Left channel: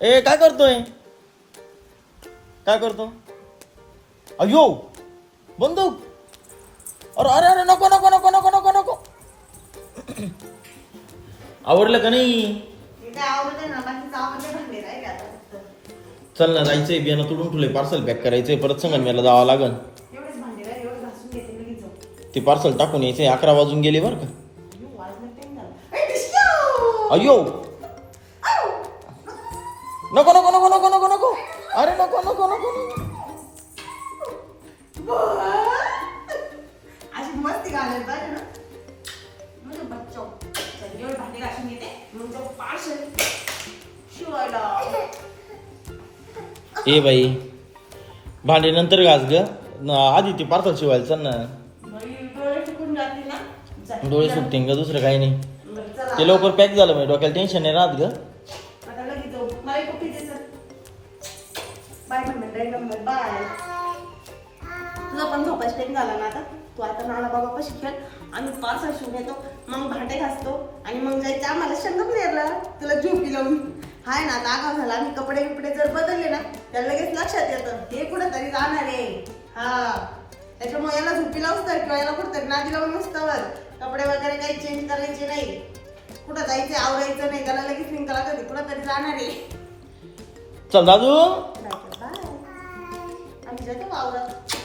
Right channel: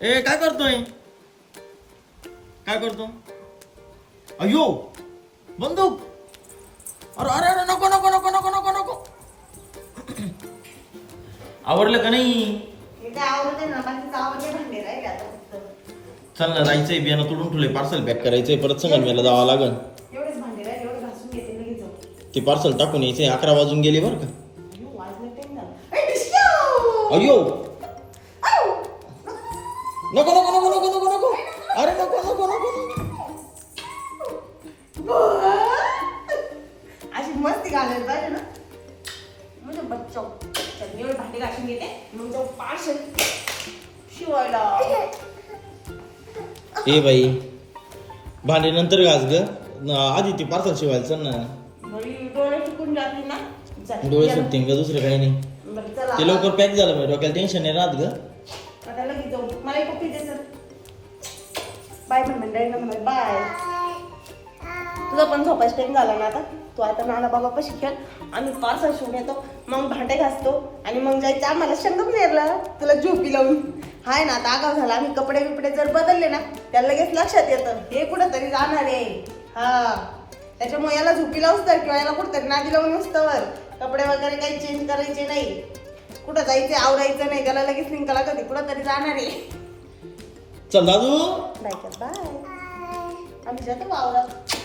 ए काय करतोय काय करतो अयो बंदूक अरे अरे अरे नको नको नको नको नको नको आवडलं का नाही इथे आवडते ना बाकी आवडते भांडे नाही का आता फक्त. चल ना जायचंय बियाणं तोडून ठेवलंय पार्सल पॅक करायचंय परत संगमनेरला जावं लागल एवढेच भांडे राहिले एवढे घासून घेते लगेच जाऊ ते पार्सल टाकून यायचंय अकरा वाजून गेले बरं का अयो, वाजले time झाला. ए, डिस्को! अयो आऊ! नको नको नको नको नको नको. अरे नको नको नको नको. अशी मस्ती घालायला पाहिजे ना. म्हणजे बच्चो चल, एवढे भांडे घासून घेते. मग तो पार्सल शिवायला. ए बाई भांडे नंतर घास ग. आधी ते पार्सल शिवायला चल ना. डोळे सुकून ना. डोळे. सुटतील ग दुसरं काही नाही. ते लवकर पॅक झालं म्हणजे डोक्याला टेन्शन नाही राहत ग. मला एक कॉफी दे मम्मी बाय मम्मी बाय. तुझा पण झोपायचा टाइम झाला ना आता. तू आता नाना बाबा पण शिकेल आम्ही पाच शिवून येतो मग भांडे घासतो. आणि मग जायचं आम्हाला शंकच नेरला. तुला झोपी लावून. हाय ना आता आगाव झाला. आम्ही कपडे बिपडे जर बदलले ना त्याला लगेच लक्षात येतं. हे कुठं तरी जाणार आहे. हा. त्याच्यामुळे याला झोपी लावूच तर किंवा याला कुठं तरी नादी लावून नुसतं. कपडे वगैरे काही चेंज करायचे नाही. कुठं जायचं आवरायचं नाही त्याला लगेच निघाला कधी कुठं तरी जाणार आहे. चल दादू. Bye bye. आम्ही जातो वावरात.